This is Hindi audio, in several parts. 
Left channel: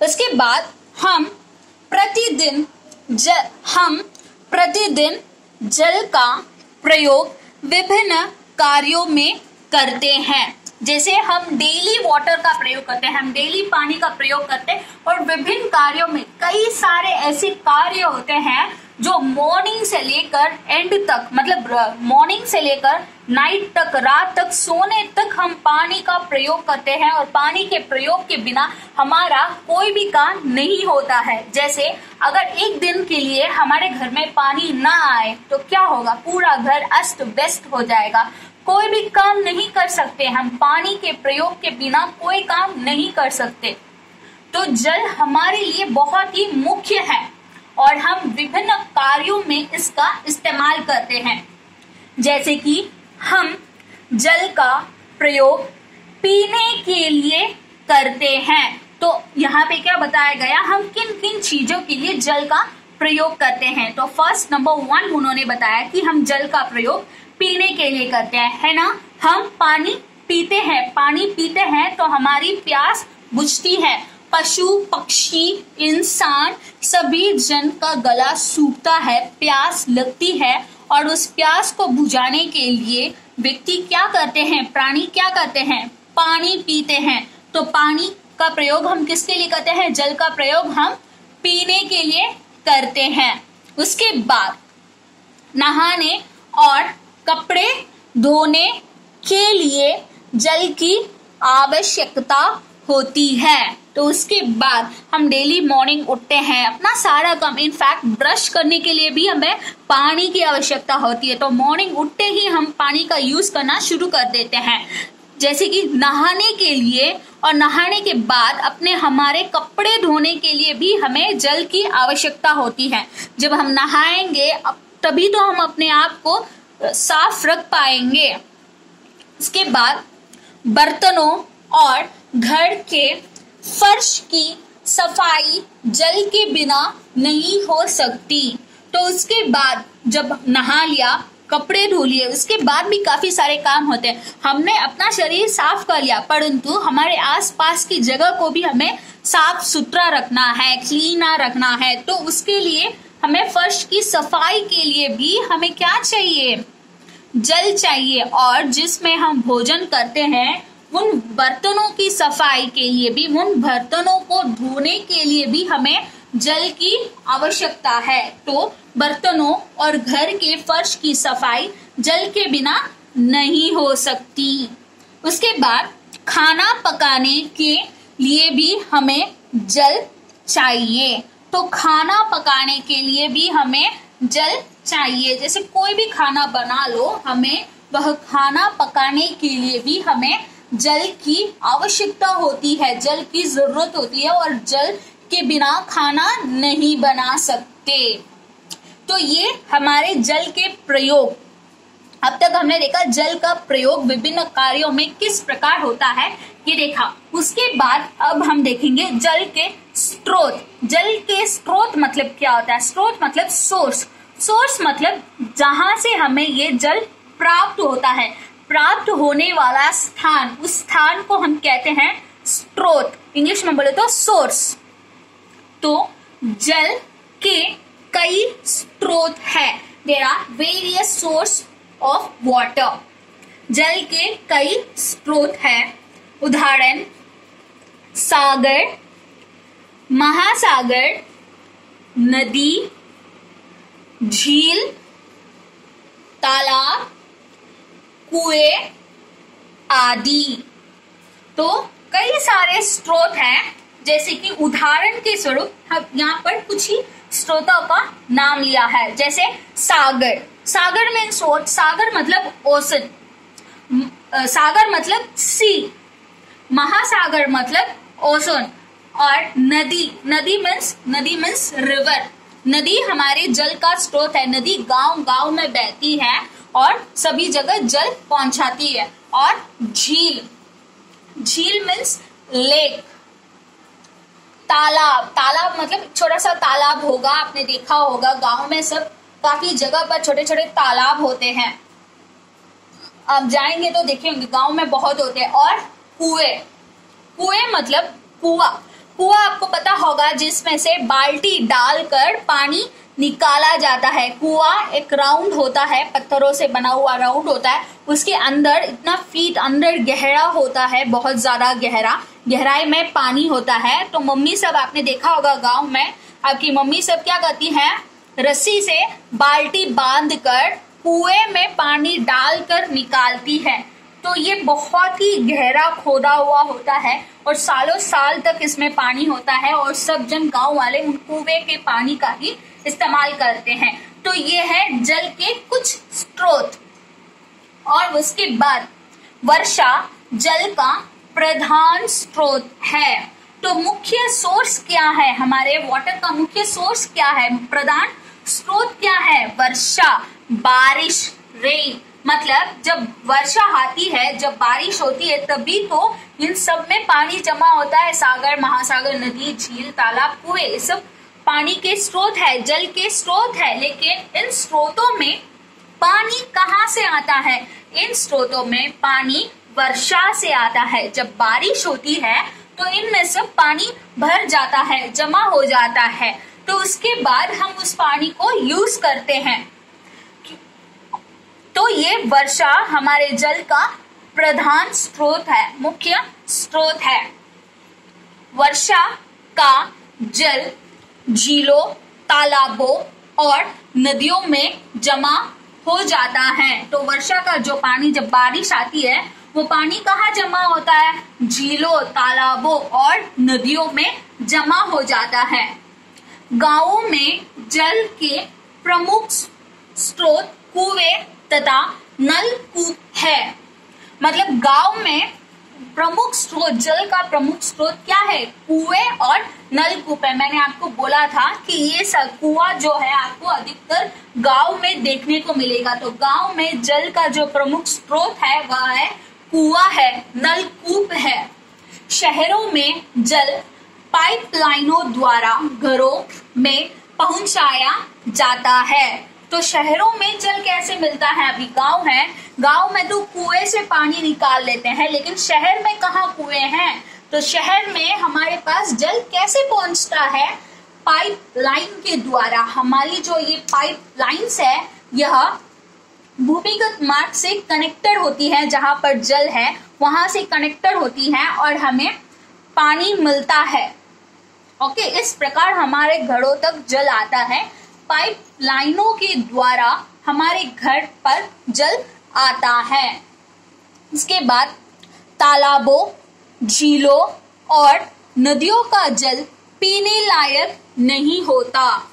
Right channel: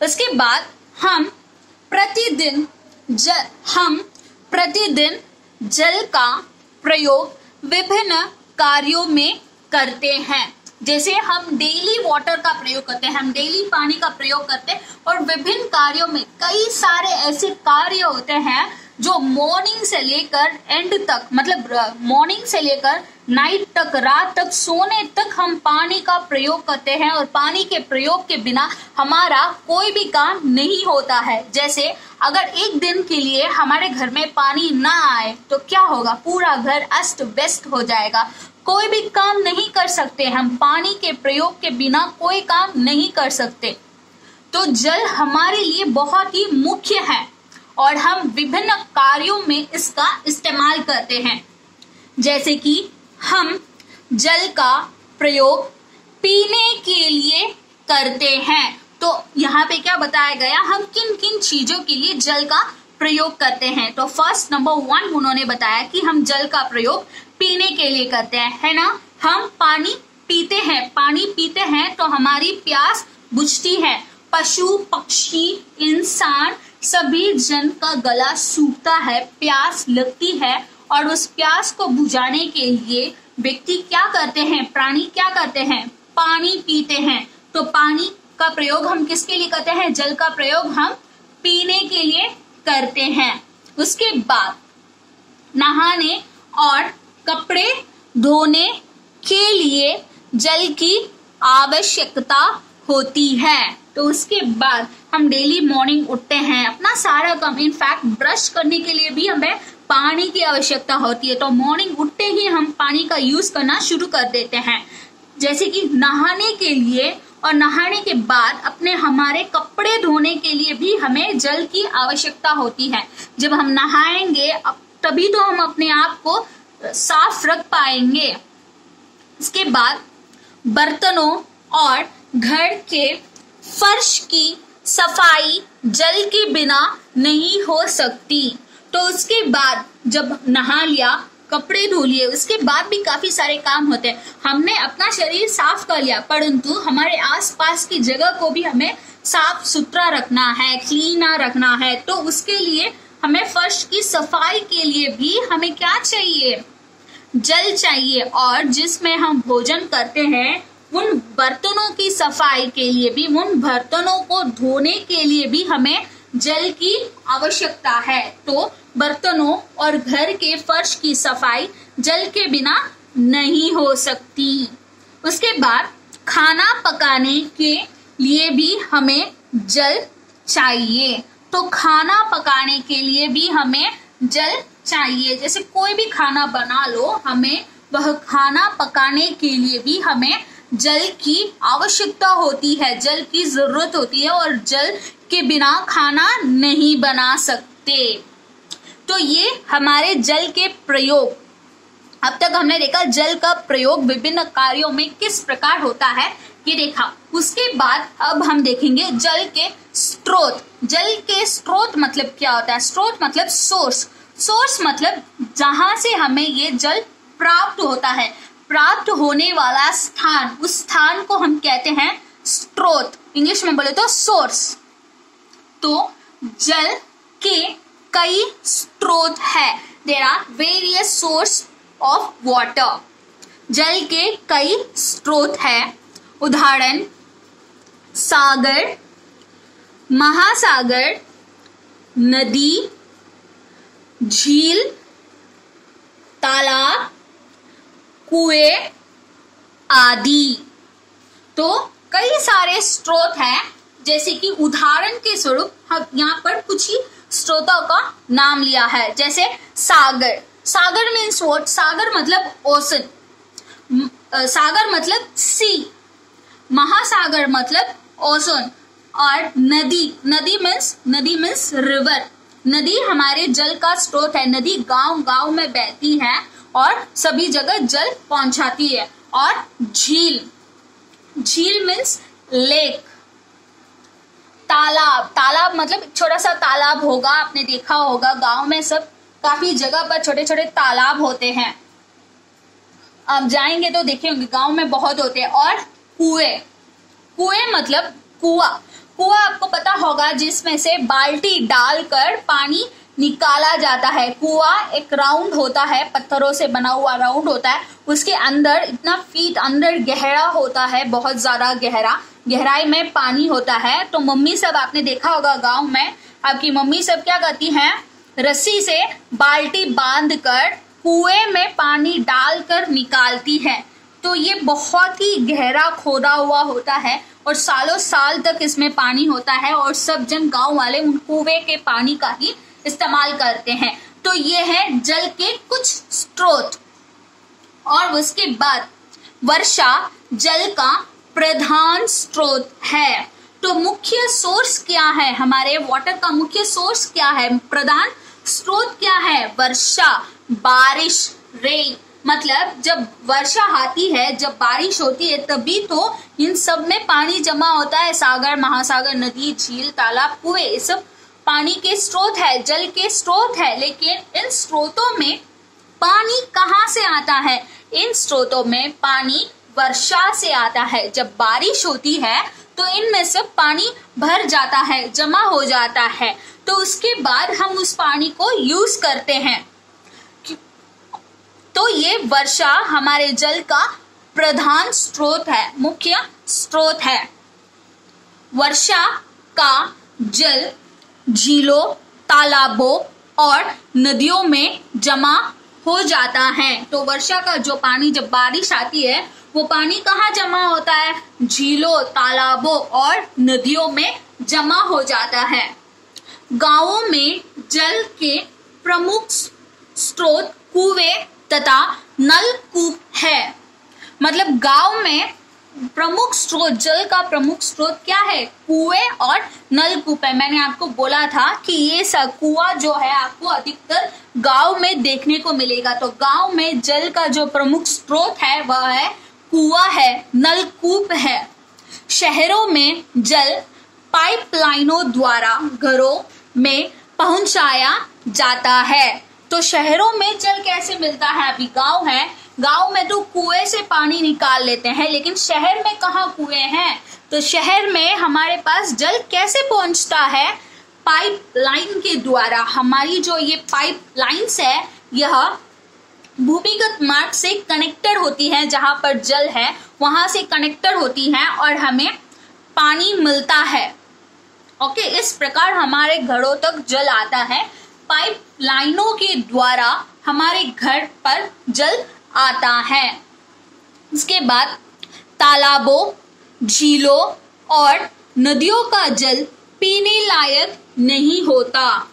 उसके बाद हम प्रतिदिन जल का प्रयोग विभिन्न कार्यों में करते हैं। जैसे हम डेली वाटर का प्रयोग करते हैं, हम डेली पानी का प्रयोग करते हैं, और विभिन्न कार्यों में कई सारे ऐसे कार्य होते हैं जो मॉर्निंग से लेकर एंड तक, मतलब मॉर्निंग से लेकर नाइट तक, रात तक, सोने तक हम पानी का प्रयोग करते हैं, और पानी के प्रयोग के बिना हमारा कोई भी काम नहीं होता है। जैसे अगर एक दिन के लिए हमारे घर में पानी ना आए तो क्या होगा, पूरा घर अस्त व्यस्त हो जाएगा, कोई भी काम नहीं कर सकते, हम पानी के प्रयोग के बिना कोई काम नहीं कर सकते। तो जल हमारे लिए बहुत ही मुख्य है और हम विभिन्न कार्यों में इसका इस्तेमाल करते हैं। जैसे कि हम जल का प्रयोग पीने के लिए करते हैं। तो यहाँ पे क्या बताया गया, हम किन किन चीजों के लिए जल का प्रयोग करते हैं। तो फर्स्ट नंबर 1 उन्होंने बताया कि हम जल का प्रयोग पीने के लिए करते हैं, है ना। हम पानी पीते हैं, पानी पीते हैं तो हमारी प्यास बुझती है। पशु पक्षी इंसान सभी जन का गला सूखता है, प्यास लगती है, और उस प्यास को बुझाने के लिए व्यक्ति क्या करते हैं, प्राणी क्या करते हैं, पानी पीते हैं। तो पानी का प्रयोग हम किसके लिए करते हैं, जल का प्रयोग हम पीने के लिए करते हैं। उसके बाद नहाने और कपड़े धोने के लिए जल की आवश्यकता होती है। तो उसके बाद हम डेली मॉर्निंग उठते हैं, अपना सारा काम, इनफैक्ट ब्रश करने के लिए भी हमें पानी की आवश्यकता होती है। तो मॉर्निंग उठते ही हम पानी का यूज करना शुरू कर देते हैं। जैसे कि नहाने के लिए और नहाने के बाद हमारे कपड़े धोने के लिए भी हमें जल की आवश्यकता होती है। जब हम नहाएंगे तभी तो हम अपने आप को साफ रख पाएंगे। इसके बाद बर्तनों और घर के फर्श की सफाई जल के बिना नहीं हो सकती। तो उसके बाद जब नहा लिया, कपड़े धो लिए, उसके बाद भी काफी सारे काम होते हैं। हमने अपना शरीर साफ कर लिया, परंतु हमारे आसपास की जगह को भी हमें साफ सुथरा रखना है, क्लीन रखना है। तो उसके लिए हमें फर्श की सफाई के लिए भी हमें क्या चाहिए, जल चाहिए। और जिसमें हम भोजन करते हैं उन बर्तनों की सफाई के लिए भी, उन बर्तनों को धोने के लिए भी हमें जल की आवश्यकता है। तो बर्तनों और घर के फर्श की सफाई जल के बिना नहीं हो सकती। उसके बाद खाना पकाने के लिए भी हमें जल चाहिए। तो खाना पकाने के लिए भी हमें जल चाहिए। जैसे कोई भी खाना बना लो, हमें वह खाना पकाने के लिए भी हमें जल की आवश्यकता होती है, जल की जरूरत होती है, और जल के बिना खाना नहीं बना सकते। तो ये हमारे जल के प्रयोग, अब तक हमने देखा जल का प्रयोग विभिन्न कार्यों में किस प्रकार होता है, ये देखा। उसके बाद अब हम देखेंगे जल के स्रोत। जल के स्रोत मतलब क्या होता है, स्रोत मतलब सोर्स, सोर्स मतलब जहां से हमें ये जल प्राप्त होता है, प्राप्त होने वाला स्थान, उस स्थान को हम कहते हैं स्रोत, इंग्लिश में बोले तो सोर्स। तो जल के कई स्रोत है, there are various source of water. जल के कई स्रोत है, उदाहरण सागर, महासागर, नदी, झील, तालाब, कुएं आदि। तो कई सारे स्रोत हैं। जैसे कि उदाहरण के स्वरूप हम यहाँ पर कुछ ही स्रोतों का नाम लिया है। जैसे सागर, सागर मीन्स व्हाट, सागर मतलब ओशन, सागर मतलब सी, महासागर मतलब ओशन, और नदी, नदी मीन्स रिवर। नदी हमारे जल का स्रोत है। नदी गांव गांव में बहती है और सभी जगह जल पहुंचाती है। और झील, झील मीन्स लेक। तालाब, तालाब मतलब छोटा सा तालाब होगा, आपने देखा होगा गांव में सब काफी जगह पर छोटे छोटे तालाब होते हैं, आप जाएंगे तो देखेंगे गांव में बहुत होते हैं। और कुएं, कुएं मतलब कुआं, कुआं आपको पता होगा जिसमें से बाल्टी डालकर पानी निकाला जाता है। कुआं एक राउंड होता है, पत्थरों से बना हुआ राउंड होता है, उसके अंदर इतना फीट अंदर गहरा होता है, बहुत ज्यादा गहराई में पानी होता है। तो मम्मी सब आपने देखा होगा गांव में, आपकी मम्मी सब क्या करती हैं, रस्सी से बाल्टी बांधकर कुएं में पानी डालकर निकालती है। तो ये बहुत ही गहरा खोदा हुआ होता है और सालों साल तक इसमें पानी होता है और सब जन गांव वाले उन कुएं के पानी का ही इस्तेमाल करते हैं। तो ये है जल के कुछ स्रोत। और उसके बाद वर्षा जल का प्रधान स्रोत है। तो मुख्य सोर्स क्या है, हमारे वाटर का मुख्य सोर्स क्या है, प्रधान स्रोत क्या है, वर्षा, बारिश, रेन। मतलब जब वर्षा आती है, जब बारिश होती है, तभी तो इन सब में पानी जमा होता है। सागर, महासागर, नदी, झील, तालाब, कुएं, ये सब पानी के स्रोत है, जल के स्रोत है। लेकिन इन स्रोतों में पानी कहाँ से आता है, इन स्रोतों में पानी वर्षा से आता है। जब बारिश होती है तो इनमें सब पानी भर जाता है, जमा हो जाता है। तो उसके बाद हम उस पानी को यूज करते हैं। तो ये वर्षा हमारे जल का प्रधान स्रोत है, मुख्य स्रोत है। वर्षा का जल झीलों, तालाबों और नदियों में जमा हो जाता है। तो वर्षा का जो पानी, जब बारिश आती है, वो पानी कहाँ जमा होता है, झीलों, तालाबों और नदियों में जमा हो जाता है। गांवों में जल के प्रमुख स्रोत कुएं तथा नलकूप है। मतलब गांव में प्रमुख स्रोत, जल का प्रमुख स्रोत क्या है, कुएं और नलकूप है। मैंने आपको बोला था कि ये सब कुआं जो है आपको अधिकतर गांव में देखने को मिलेगा। तो गांव में जल का जो प्रमुख स्रोत है वह है कुआं है, नलकूप है। शहरों में जल पाइपलाइनों द्वारा घरों में पहुंचाया जाता है। तो शहरों में जल कैसे मिलता है, अभी गांव है, गांव में तो कुएं से पानी निकाल लेते हैं, लेकिन शहर में कहाँ कुएं हैं। तो शहर में हमारे पास जल कैसे पहुंचता है, पाइपलाइन के द्वारा। हमारी जो ये पाइपलाइंस है, यह भूमिगत मार्ग से कनेक्टेड होती है, जहां पर जल है वहां से कनेक्टेड होती है और हमें पानी मिलता है। ओके, इस प्रकार हमारे घरों तक जल आता है, पाइपलाइनों के द्वारा हमारे घर पर जल आता है। इसके बाद तालाबों, झीलों और नदियों का जल पीने लायक नहीं होता,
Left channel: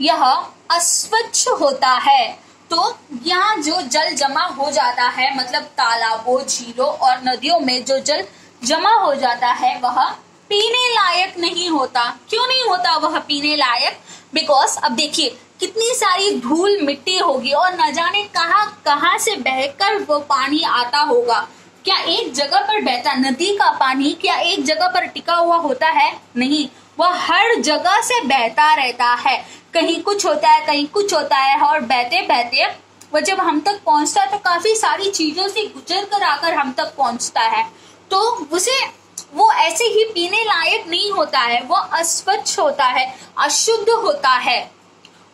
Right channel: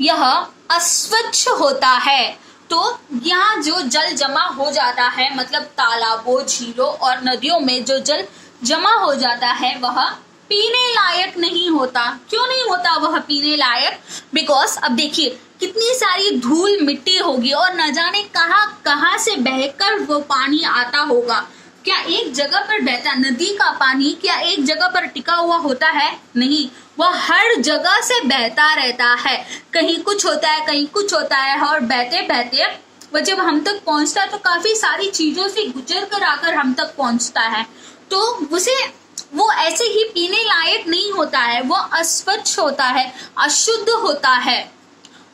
यह अस्वच्छ होता है। तो यहाँ जो जल जमा हो जाता है, मतलब तालाबों, झीलों और नदियों में जो जल जमा हो जाता है वह पीने लायक नहीं होता। क्यों नहीं होता वह पीने लायक? बिकॉज अब देखिए कितनी सारी धूल मिट्टी होगी और न जाने कहाँ कहाँ से बहकर वो पानी आता होगा। क्या एक जगह पर बहता, नदी का पानी क्या एक जगह पर टिका हुआ होता है? नहीं, वह हर जगह से बहता रहता है। कहीं कुछ होता है, कहीं कुछ होता है, और बहते बहते वह जब हम तक पहुंचता है तो काफी सारी चीजों से गुजर कर आकर हम तक पहुंचता है। तो उसे वो ऐसे ही पीने लायक नहीं होता है, वो अस्वच्छ होता है, अशुद्ध होता है।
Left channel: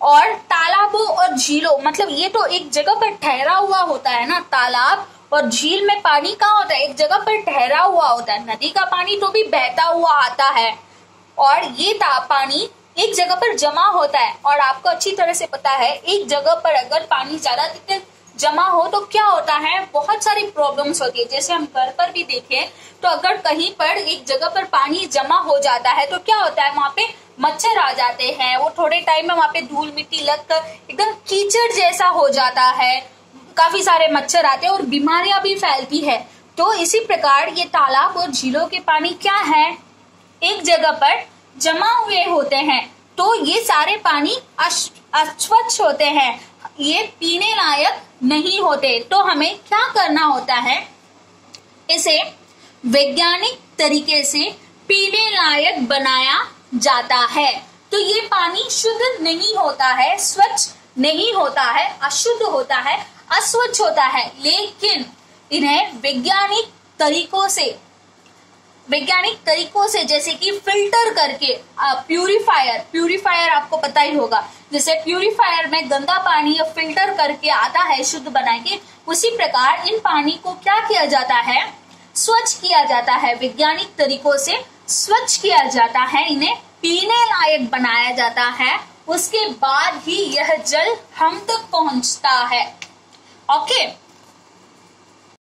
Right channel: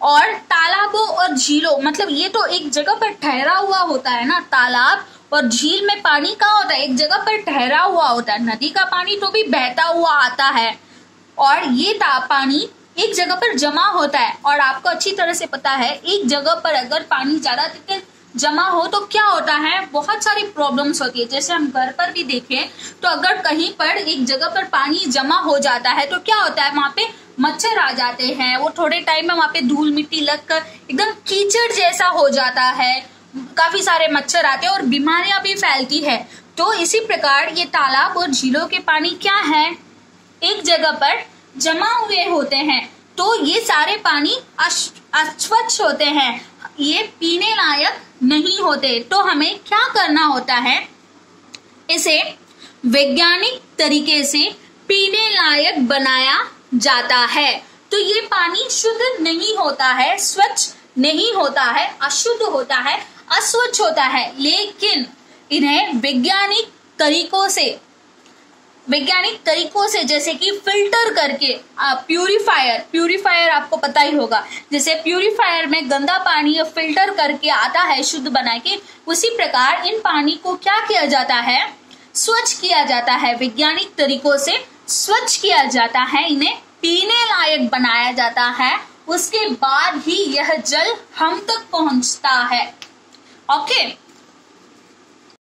और तालाबों और झीलों, मतलब ये तो एक जगह पर ठहरा हुआ होता है ना, तालाब और झील में पानी कहाँ होता है, एक जगह पर ठहरा हुआ होता है। नदी का पानी तो भी बहता हुआ आता है और ये पानी एक जगह पर जमा होता है। और आपको अच्छी तरह से पता है एक जगह पर अगर पानी ज्यादा जमा हो तो क्या होता है, बहुत सारी प्रॉब्लम्स होती है। जैसे हम घर पर भी देखें तो अगर कहीं पर एक जगह पर पानी जमा हो जाता है तो क्या होता है, वहां पे मच्छर आ जाते हैं, वो थोड़े टाइम में वहां पे धूल मिट्टी लगकर एकदम कीचड़ जैसा हो जाता है, काफी सारे मच्छर आते हैं और बीमारियां भी फैलती है। तो इसी प्रकार ये तालाब और झीलों के पानी क्या है, एक जगह पर जमा हुए होते हैं, तो ये सारे पानी अस्वच्छ होते हैं, ये पीने लायक नहीं होते। तो हमें क्या करना होता है, इसे वैज्ञानिक तरीके से पीने लायक बनाया जाता है। तो ये पानी शुद्ध नहीं होता है, स्वच्छ नहीं होता है, अशुद्ध होता है, अस्वच्छ होता है, लेकिन इन्हें वैज्ञानिक तरीकों से वैज्ञानिक तरीकों से, जैसे कि फिल्टर करके, प्यूरिफायर आपको पता ही होगा, जैसे प्यूरिफायर में गंदा पानी फिल्टर करके आता है शुद्ध बना के, उसी प्रकार इन पानी को क्या किया जाता है, स्वच्छ किया जाता है, वैज्ञानिक तरीकों से स्वच्छ किया जाता है, इन्हें पीने लायक बनाया जाता है, उसके बाद ही यह जल हम तक पहुंचता है। ओके,